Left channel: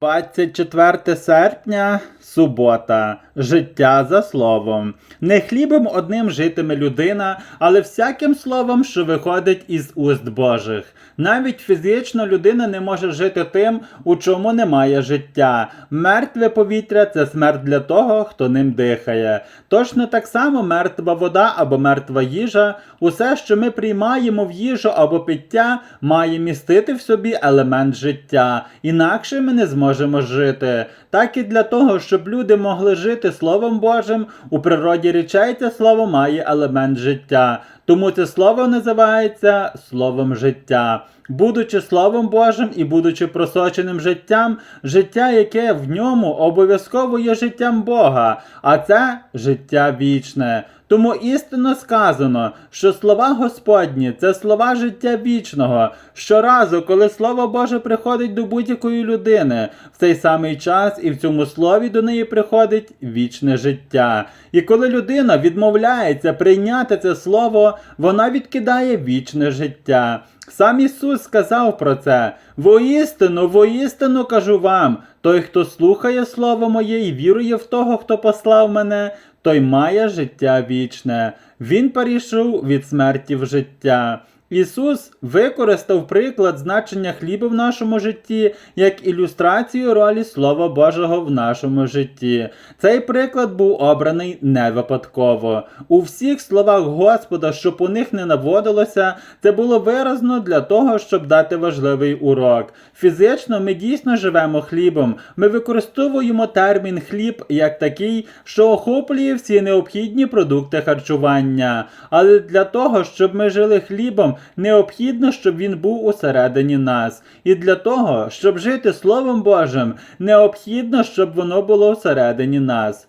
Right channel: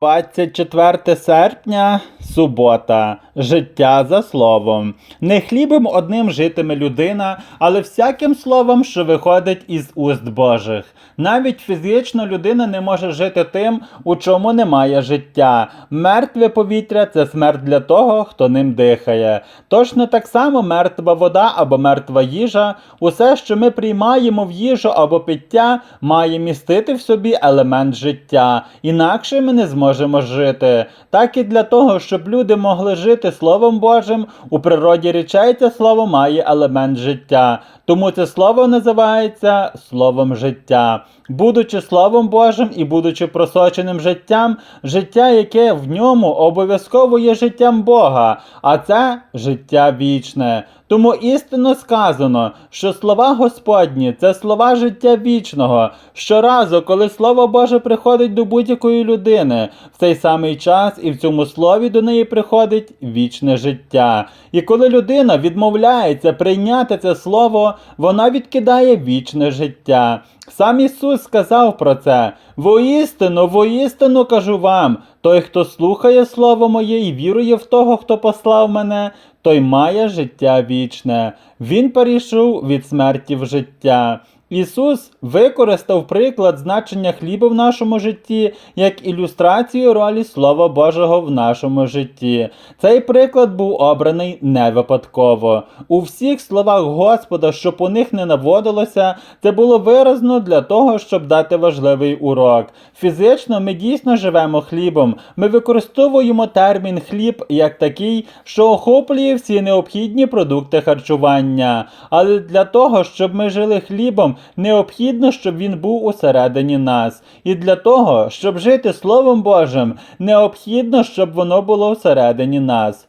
24 серпня, субота, життя за словом. Не хлібом одним житиме людина, але всяким словом, що виходить із уст Божих. Навіть фізично людина не може жити тим, у чому немає життя. Мертве повітря це смерть для того, хто ним дихає. Точно так само мертва вода або мертва їжа, усе, що ми приймаємо в їжу або пиття, має містити в собі елемент життя. Інакше ми не зможемо жити. Так і для того, щоб люди могли жити Словом Божим, у природі речей це слово має елемент життя. Тому це слово називається словом життя. Будучи Словом Божим і будучи просоченим життям, життя, яке в ньому обов'язково є життям Бога, а це життя вічне. Тому істинно сказано, що слова Господні це слова життя вічного. Щоразу, коли Слово Боже приходить до будь-якої людини, в цей самий час і в цьому слові до неї приходить вічне життя. І коли людина відмовляється прийняти це слово, вона відкидає вічне життя. Сам Ісус сказав про це. Воістину, воістину кажу вам, той, хто слухає Слово моє і вірує в того, хто послав мене, той має життя вічне. Він перейшов від смерті в життя. Ісус використав приклад значення хліба в нашому житті як ілюстрацію ролі Слова Божого в нашому житті. Цей приклад був обраний не випадково. У всіх словах Господа, щоб у них не наводилося, це було виразно для того, щоб дати важливий урок. Фізично ми дійсно живемо хлібом. Ми використовуємо термін хліб як такий, що охоплює всі необхідні продукти харчування. Але для того, щоб ми жили хлібом, необхідно, щоб він був усередині нас. І для того, щоб жити Словом Божим, необхідно, щоб воно було всередині нас.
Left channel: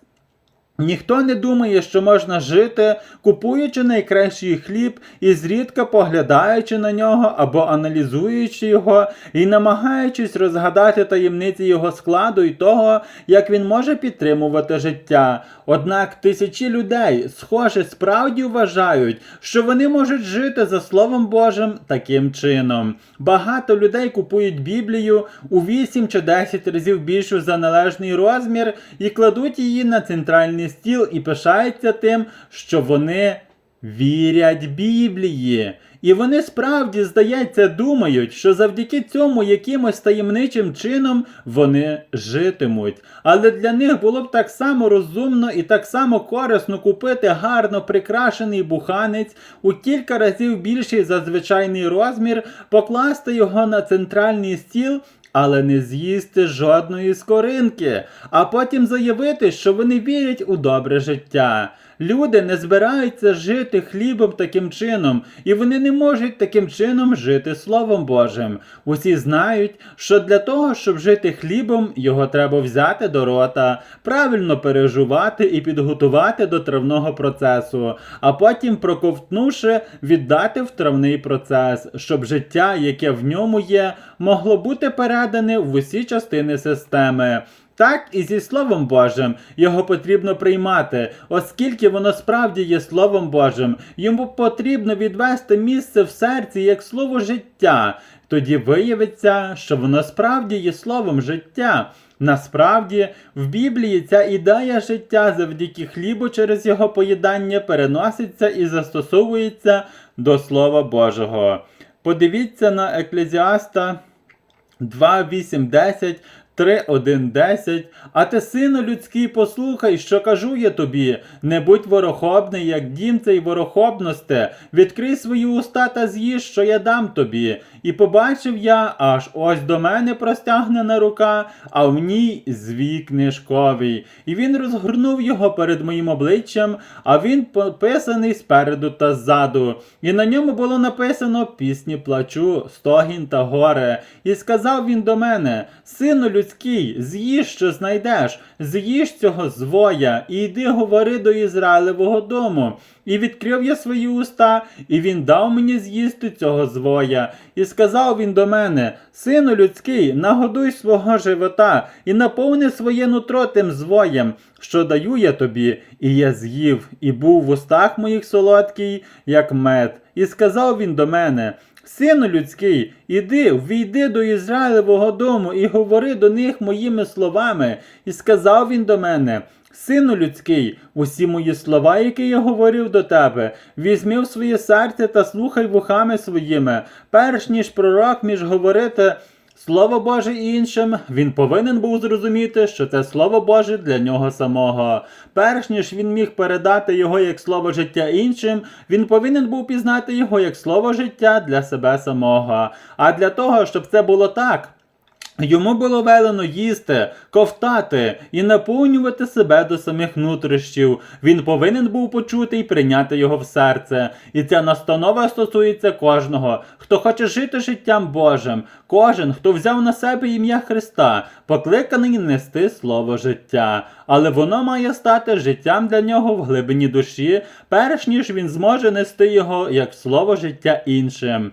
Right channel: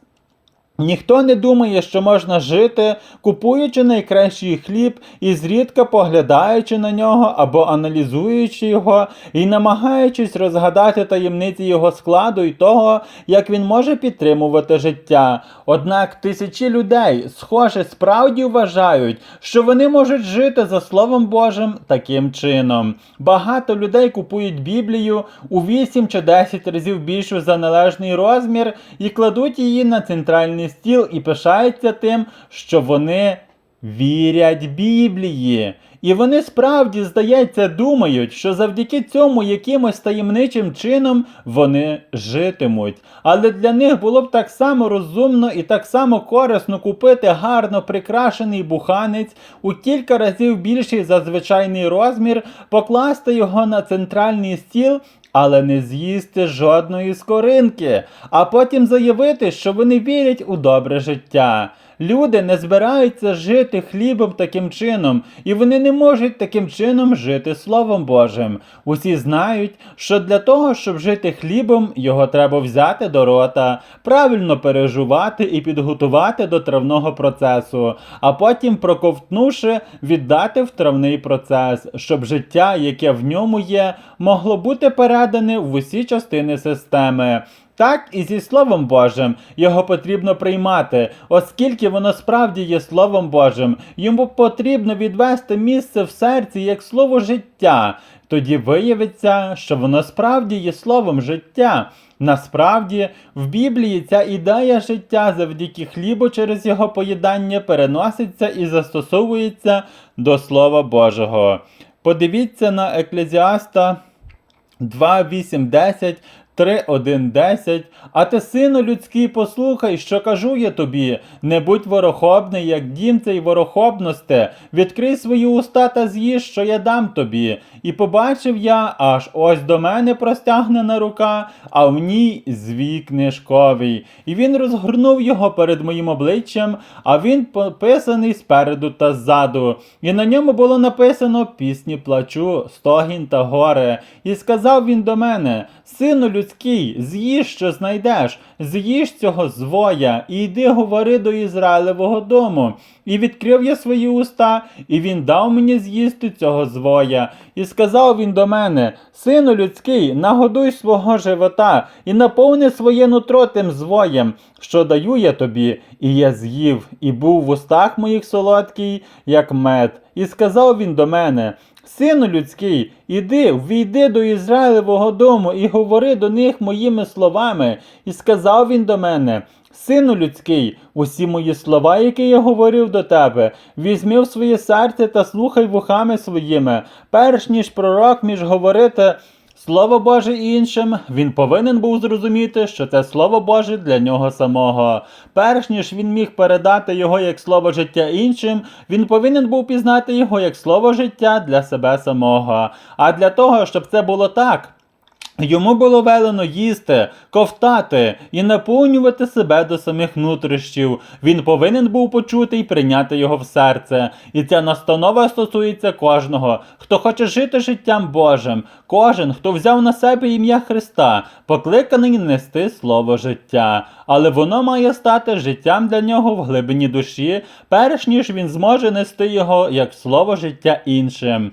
Ніхто не думає, що можна жити, купуючи найкращий хліб і зрідка поглядаючи на нього або аналізуючи його і намагаючись розгадати таємниці його складу і того, як він може підтримувати життя. Однак тисячі людей, схоже, справді вважають, що вони можуть жити за Словом Божим таким чином. Багато людей купують Біблію у 8 чи 10 разів більшу за належний розмір і кладуть її на центральний стіл і пишаються тим, що вони вірять Біблії. І вони справді, здається, думають, що завдяки цьому якимось таємничим чином вони житимуть. Але для них було б так само розумно і так само корисно купити гарно прикрашений буханець у кілька разів більший за звичайний розмір, покласти його на центральний стіл. Але не з'їсти жодної скоринки, а потім заявити, що вони вірять у добре життя. Люди не збираються жити хлібом таким чином, і вони не можуть таким чином жити Словом Божим. Усі знають, що для того, щоб жити хлібом, його треба взяти до рота, правильно пережувати і підготувати до травного процесу, а потім, проковтнувши, віддати в травний процес, щоб життя, яке в ньому є, могло бути передане в усі частини системи. Так і зі Словом Божим його потрібно приймати, оскільки воно справді є Словом Божим. Йому потрібно відвести місце в серці як слово життя. Тоді виявиться, що воно справді є словом життя. Насправді, в Біблії ця ідея життя завдяки хлібу через його поїдання переноситься і застосовується до Слова Божого. Подивіться на Еклезіаста 2.8.10 3.1.10 А ти, сину людський, послухай, що кажу я тобі, не будь ворохобний, як дім цей ворохобносте, відкрий свої уста та з'їж, що я дам тобі. І побачив я, аж ось до мене простягнена рука, а в ній звій книжковий. І він розгорнув його перед моїм обличчям, а він пописаний спереду та ззаду. І на ньому було написано пісні плачу, стогін та горе. І сказав він до мене: Сину людський, з'їж, що знайдеш, з'їж цього звоя, і йди говори до Ізраїлевого дому. І відкрив я свої уста, і він дав мені з'їсти цього звоя. І сказав він до мене: Сину людський, нагодуй свого живота і наповни своє нутро тим звоєм, що даю я тобі, і я з'їв, і був в устах моїх солодкий, як мед. І сказав він до мене: Сину людський, іди, ввійди до Ізраїлевого дому і говори до них моїми словами. І сказав він до мене: Сину людський, усі мої слова, які я говорив до тебе, візьми в своє серце та слухай вухами своїми, перш ніж пророк між говорити. Слово Боже іншим, він повинен був зрозуміти, що це Слово Боже для нього самого. Перш ніж він міг передати його як слово життя іншим, він повинен був пізнати його як слово життя для себе самого. А для того, щоб це було так. Йому було велено їсти, ковтати і наповнювати себе до самих нутрищів. Він повинен був почути і прийняти його в серце. І ця настанова стосується кожного, хто хоче жити життям Божим, кожен, хто взяв на себе ім'я Христа, покликаний нести слово життя. Але воно має стати життям для нього в глибині душі, перш ніж він зможе нести його як слово життя іншим.